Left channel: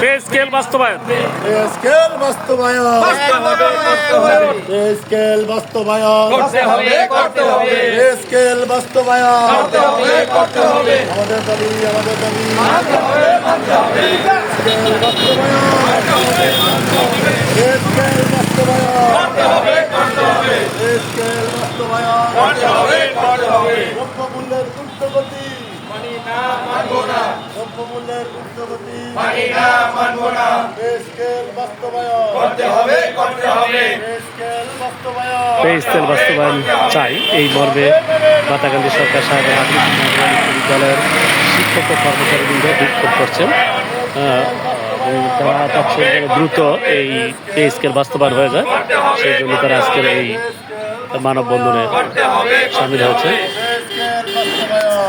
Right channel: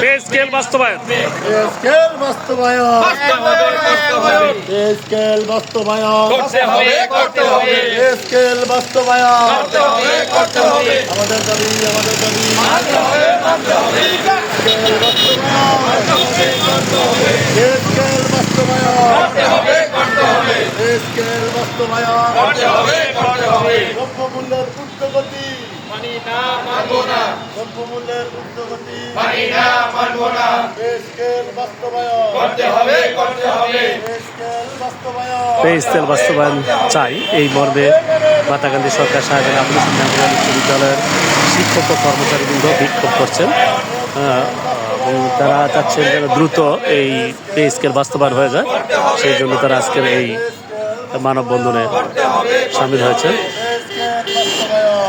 Pay scale বাস্তবায়ন। Pay scale বাস্তবায়ন। Pay scale বাস্তবায়ন। পে স্কেল বাস্তবায়ন। আমাদের দাবি, আমাদের দাবি। স্কেল বাস্তবায়ন। পে স্কেল বাস্তবায়ন। পে স্কেল বাস্তবায়ন। দ্রব্যমূল্যের ঊর্ধ্বগতি দ্রব্যমূল্যের ঊর্ধ্বগতি পে স্কেল বাস্তবায়ন। পে স্কেল বাস্তবায়ন। পে স্কেল বাস্তবায়ন চাই, এই মর্মে মাতাকান্দি সরকার সাহেবের আবুল হোসেন উচ্চ বিদ্যালয়ের শিক্ষক ও কর্মচারীবৃন্দ বিক্ষোভ করছেন এবং তারা চাচ্ছেন যেন দ্রুত এই পে স্কেল বাস্তবায়ন হয়ে যায়। সেই জন্য তারা আজকের এই মানববন্ধনে সামিল হয়েছে। পে স্কেল বাস্তবায়ন।